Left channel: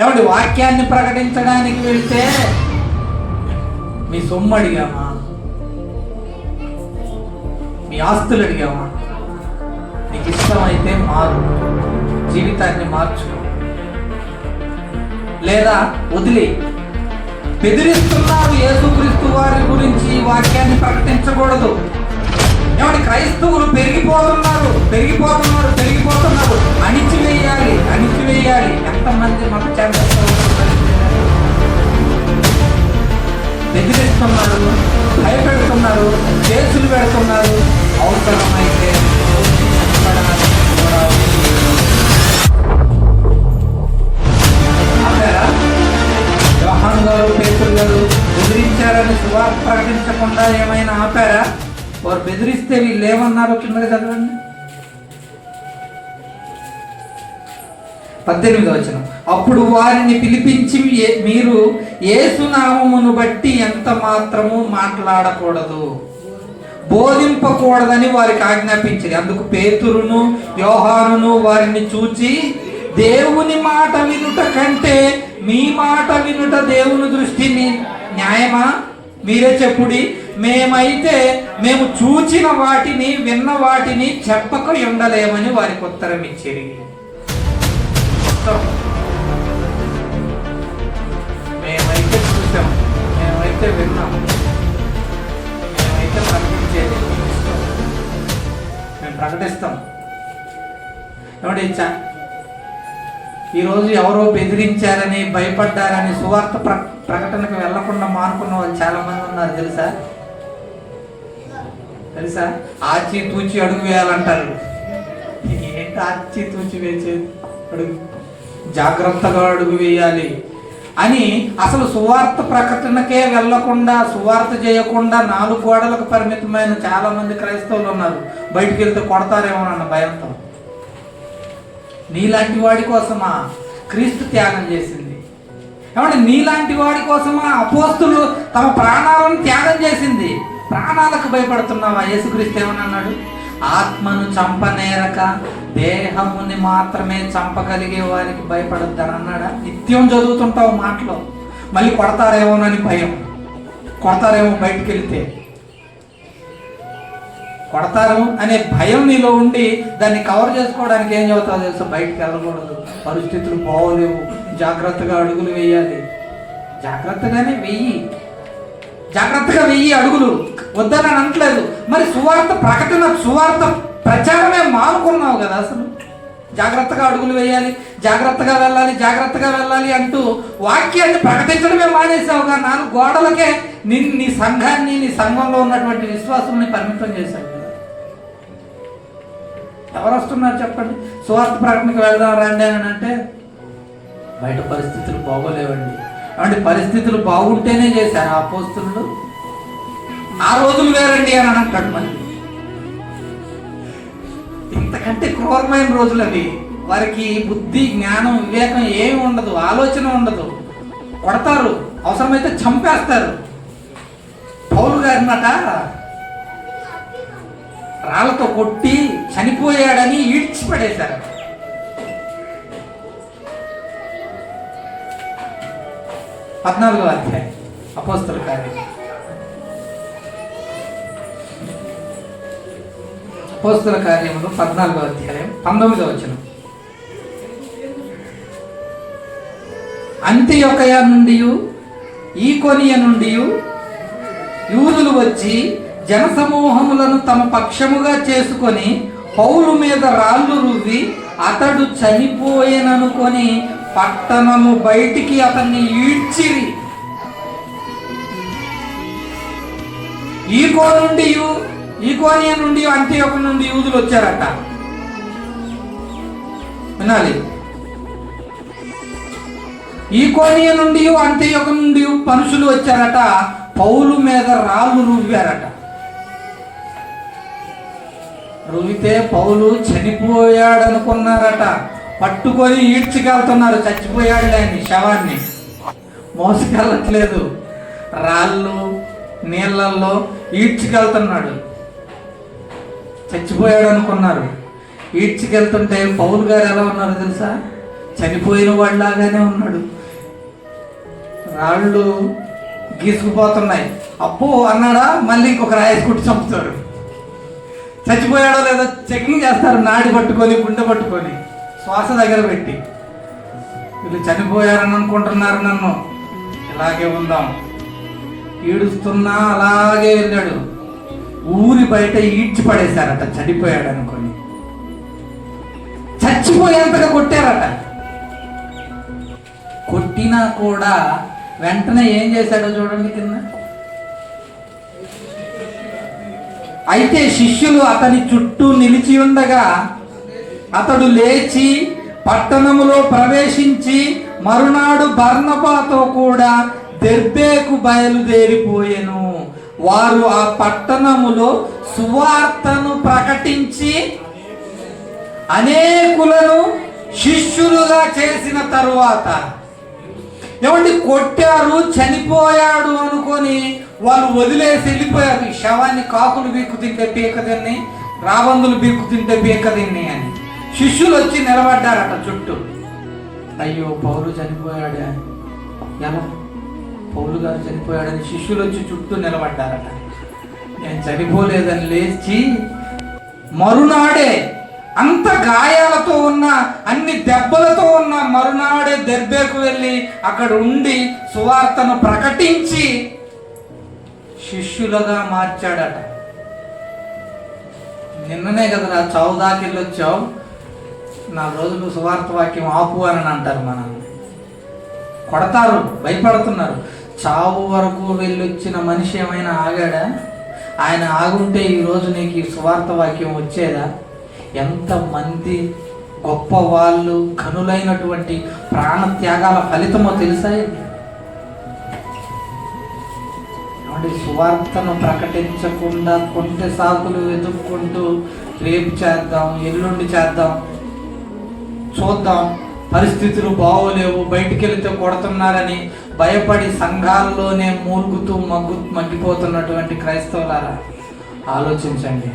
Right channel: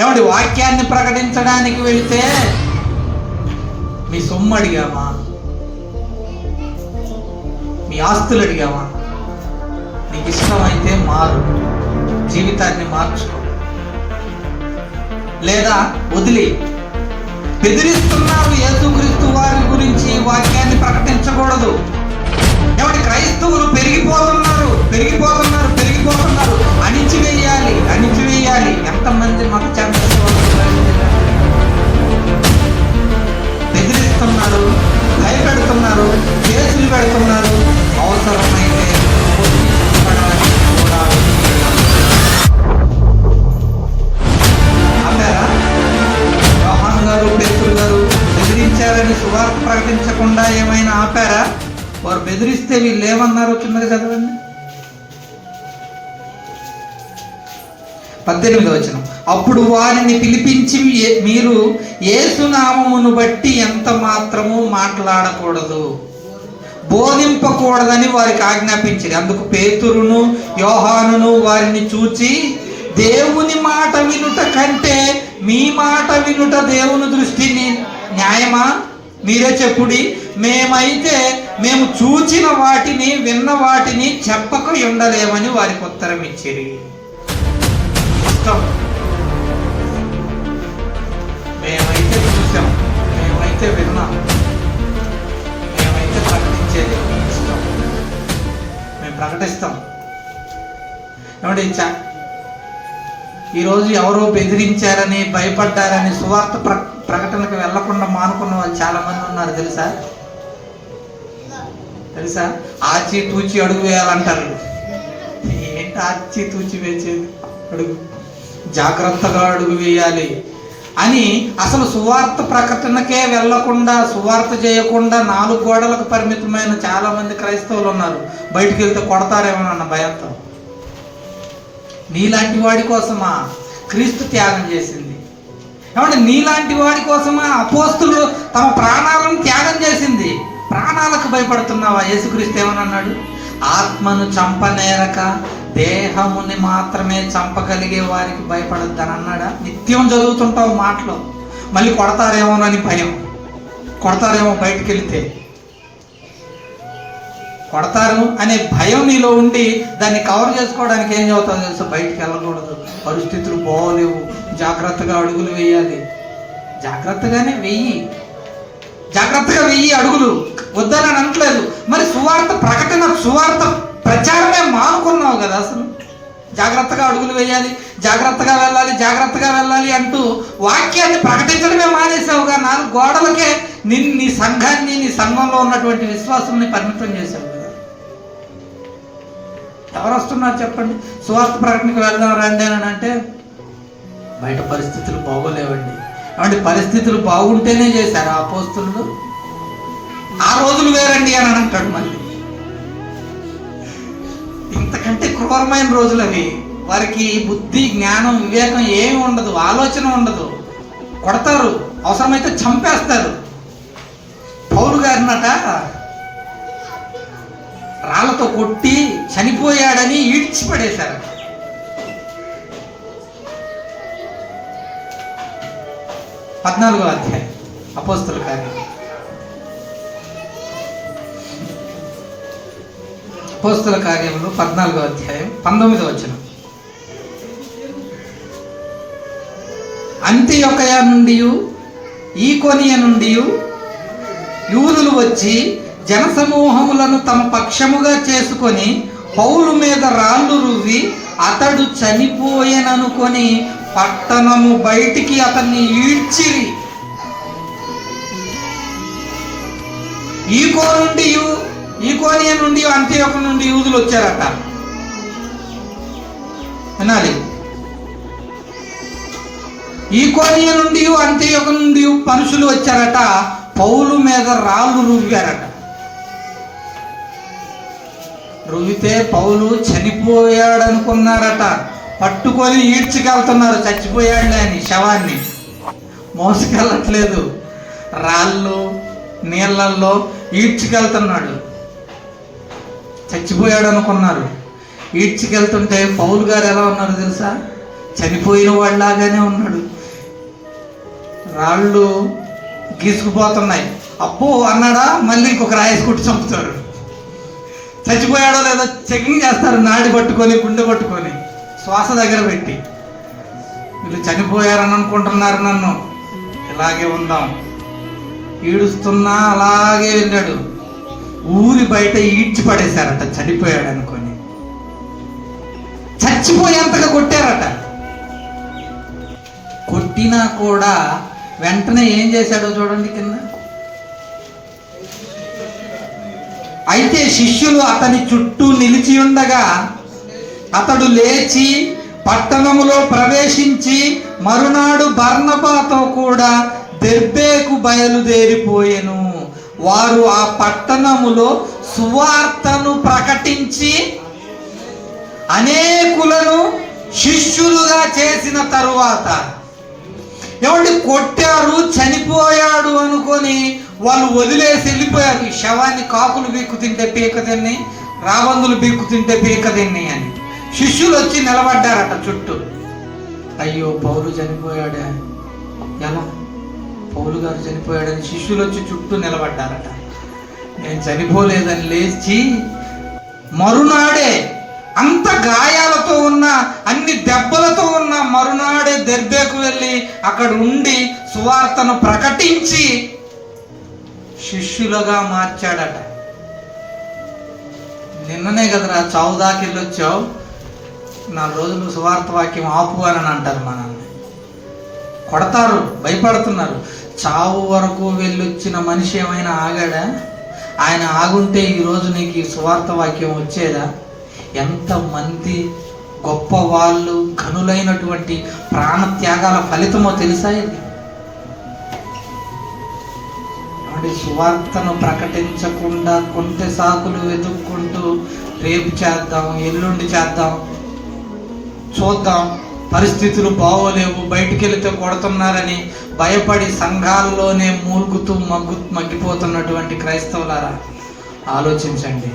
ఏమంటే వాక్యాన్ని ప్రకటించడానికి వెళితే మీ సొమ్ము అడిగామా, మీ ఆస్తులు అడిగామా? నీకు ఇష్టమైతే మారు, జీవితాన్ని మార్చు, లేదా వదిలి. బెదిరిస్తున్నావు యేసుక్రీస్తు వారి గురించి వాక్యాన్ని ప్రకటించకూడదు. ఏమంటే క్రైస్తవులు పెరిగిపోతున్నారు. అణిచివేయాలి. ఎంతమంది మత బెదిరిస్తున్నారు, భయపెడుతున్నారు, కేసులు పెడుతున్నారు. అవసరమైతే యోహాను గారు, పేతురు గారు బెదిరించారని సువార్త ప్రకటించకుండా ఏమైనా ఆపారా? వారు బెదిరిస్తే వీళ్ళు ఏమన్నారో కిందగా చదవండి. 18వ వచనం. అప్పుడు వారిని పిలిపించి, మీరు యేసు నామమును బట్టి ఎంత మాత్రము మాట్లాడకూడదు, బోధింపకూడదని వారికి ఆజ్ఞాపించింది. అందుకు పేతురును యోహానును వారిని చూచి, దేవుని మాట వినుట కంటే మీ మాట వినుట దేవుని దృష్టిని న్యాయమా? మీరే చెప్పుడి. మేము చూచిన వాటిని విన్న వాటిని చెప్పక ఉండలేమని వారికి ఉత్తరం ఇచ్చిరి. మేమైతే చూసాం, మేమైతే విన్నాం, మేమైతే ప్రకటించేది, మేము ప్రకటిస్తాం. ఏమంటే ఈరోజు ఎవరో బెదిరించారని, భయపడ్డారని సువార్త ప్రకటనకు వెళ్లకుండా మానుకున్న వాళ్ళు చాలా మంది ఉన్నారు. తెలుసా? ఆచి తూచి అడుగు వేయాలంటారు. ఏంటి ఆచి తూచి వేసేది? అడుగు, జాగ్రత్తగా అడుగు వేయాలి అని. అసలు సువార్త ప్రకటనకే వెళ్లకుండా, సువార్త చేయకుండా 4 గోడలకు పరిమితమైన చాలా మంది క్రైస్తవులు ఉన్నారు. బయటికి వెళ్తే కొడతారేమో అన్న భయంతో. నీలాంటి వాడి కోసమా క్రీస్తు త్యాగం చేసింది? ఏమంటే నీలాంటి వాడి కోసమా అపోస్తులు తమ ప్రాణాలను త్యాగం చేసింది? ప్రాణాలకు భయపడుతున్నావా? యేసుక్రీస్తు ఏమన్నాడు? ఆత్మను చంపనేరక దేహముని మాత్రమే చంపగలిగే వారికి భయపడొద్దని అన్నాడా? నిత్యం చదువుతుంటావు మాటలు, మళ్ళీ కొడతారేమోనని భయం. కొడతారేమో, బయటికి వెళితే కొడతారు అనే భయం నీలో ఉండి దాన్ని కవర్ చేసుకోవడానికి ఏం చదువుతావు తెలుసు? బయటికి వెళ్ళకూడదు, పరిస్థితులు బాగోలేవు, జాగ్రత్తగా అడుగులు వేయాలి. జాగ్రత్తగా వెయ్యి అడుగులు, వద్దని అనట్లేదు. మరి సువార్త ప్రకటన, సువార్త ప్రచారమే మానుకున్నావు కదా. అసలు జాగ్రత్తగా అడుగులు వేయాలి, జాగ్రత్తగా వెళ్ళాలి అంటూ వాక్యాన్ని ప్రకటించడమే మానేసావుగా. 4 గోడలకే నీ సంఘాన్ని, నీ సంఘంలో ఉన్నటువంటి విశ్వాసాన్ని పరిమితం చేశావు కదా. ఎవరు వస్తున్నారు చెప్పండి? సువార్త ప్రకటనకు వెళ్దాం రండి అని అంటే బయట పరిస్థితులు బాగోలేవండి. అంటే పరిస్థితులు బాగుంటేనే చేశారు అపోస్తలులు. ఆ రోజులు వేరండి అని అంటాడు. మళ్ళీ ఇంతకంటే క్రూరమైన రోజులు అవి. వారికి బుద్ధి, జ్ఞానం, వివేకం ఏమి ఉండదు, ఆలోచన ఉండదు. కొడతారు, అవసరమైతే చంపేస్తారు. పౌలు గారినట రాళ్ళతో కొట్టి చనిపోయాడని ఈడ్చిపడేశారు. పద్నాలుగో అధ్యాయం అపోస్తల కార్యం. అపోస్తల కార్యంలో 14వ అధ్యాయం 19వ వచనం. అంతియొకయ నుండి ఈకొనియ నుండి యూదులు వచ్చి జనసమూహములను తమ పక్షముగా చేసుకొని పౌలు మీద రాళ్ళు రువ్వి అతడు చనిపోయెననుకొని పట్టణము బయటికి అతన్ని ఈడ్చిరి. ఈకోనియ నుండి అంతియొక నుండి యూదులు వచ్చారట. వినాలి. ఈకోనియ నుండి అంతియొక నుండి మనుషులు వచ్చారట. పౌలు మీద రాళ్ళు రువ్వారట. రువ్వితే పౌలు చనిపోయాడనుకున్నారట. పట్టుకొని ఈడ్చికెళ్తున్నారు, చచ్చిపోయాడులే అని. శవాన్ని మోసుకెళ్ళట్లేదు, రాళ్ళు నీళ్ళల్లో ఈడ్చికెళ్తున్నాడు. చచ్చిపోయాడు అనుకున్నారు. ఈడ్చికెళ్తుంటే పౌలు గారు ఎలా ఉన్నారు తెలుసా? చనిపోయిన వాళ్ళలాగానే ఉన్నాడు. రాళ్ళు గీసుకుపోతున్నాయి. అబ్బో అన్నాడా, మళ్ళీ ఇంకొక రాయేసి కుట్టి చంపుతారు. చచ్చిపోయాడో లేదో చెకింగ్ చేస్తారు, నాడి పట్టుకొని గుండె పట్టుకొని శ్వాస దగ్గర పెట్టి. వీళ్ళు చనిపోయారని అనుకుంటున్నారు, నన్ను ఇలాగే ఉందాం. ఈడుస్తున్నా అలాగే వెళ్ళాడు. ఊరి బయట ఈడ్చి పడేశారట చనిపోయాడు అనుకొని. చచ్చిపోయేంతగా కొట్టారట. కొట్టినా కూడా వెంటనే ఏం చేశాడో చూడండి కింద. అయితే శిష్యులు అతని చుట్టూ నిలిచి ఉండగా అతడు లేచి పట్టణములో ప్రవేశించి మరునాడు బర్నబాతో కూడా దెర్బేకు బయలుదేరిపోయెను. వారు ఆ పట్టణములో సువార్తను ప్రకటించి అనేకులను శిష్యులుగా చేసిన తరువాత, ఏమండి, కొట్టారు, చనిపోయాడు అనుకొని వాళ్ళు వదిలేసి వెళ్ళిపోయారు. ఈ శవాన్ని కాకులు బీక్కు తింటే పీక తిన్ని, రాబందులు బీక్కు తింటే పీక తిన్ని అని శిష్యులు వచ్చి నిలబడ్డారట చుట్టూ. అయ్యో పౌలు చనిపోయాడా, ఎలా పౌలు గారు చనిపోయాడని శిష్యులు వచ్చి చుట్టూ నిలబడ్డారట. నేను చనిపోలేదని లేచి మరునాడే, అంత గాయాలతో ఉన్న, అన్ని దెబ్బలతో ఉన్న మరునాడే దెర్బేకు వెళ్ళి అక్కడ ఉండి సువార్తను ప్రకటించి శిష్యులుగా మార్చాడట. నిన్ననే కదరా చావు దాకా వెళ్ళొచ్చావు, 4 రోజులు సువార్త వాక్యం ఆపు అని అంటారు మనల్ని. కొడతారు, భయపడుతున్నారు. చావు వరకు వెళ్ళొచ్చిన మనిషి ఏమైనా ఆగాడా? ఆయన ఆగుంటే ఈరోజు నీకు ఈ సువార్త వాక్యం వచ్చేదా? ఎంతమంది గొప్ప వాళ్ళు, ఘనులైనటువంటి ప్రాణత్యాగాల ఫలితమో తెలుసా ఇది? సువార్తను ప్రకటించకుండా కొంత సాకులు వెతుక్కుంటూ రేపు చేద్దాం, ఎల్లుండి చేద్దాం, చూద్దాం, పరిస్థితులు బాగోలేవు, బయటికి వెళితే కొడుతున్నారని భయపడి సంఘాల్లోనే మూలుగుతూ మగ్గిపోతున్నటువంటి క్రైస్తవులారా, ఆలోచించండి.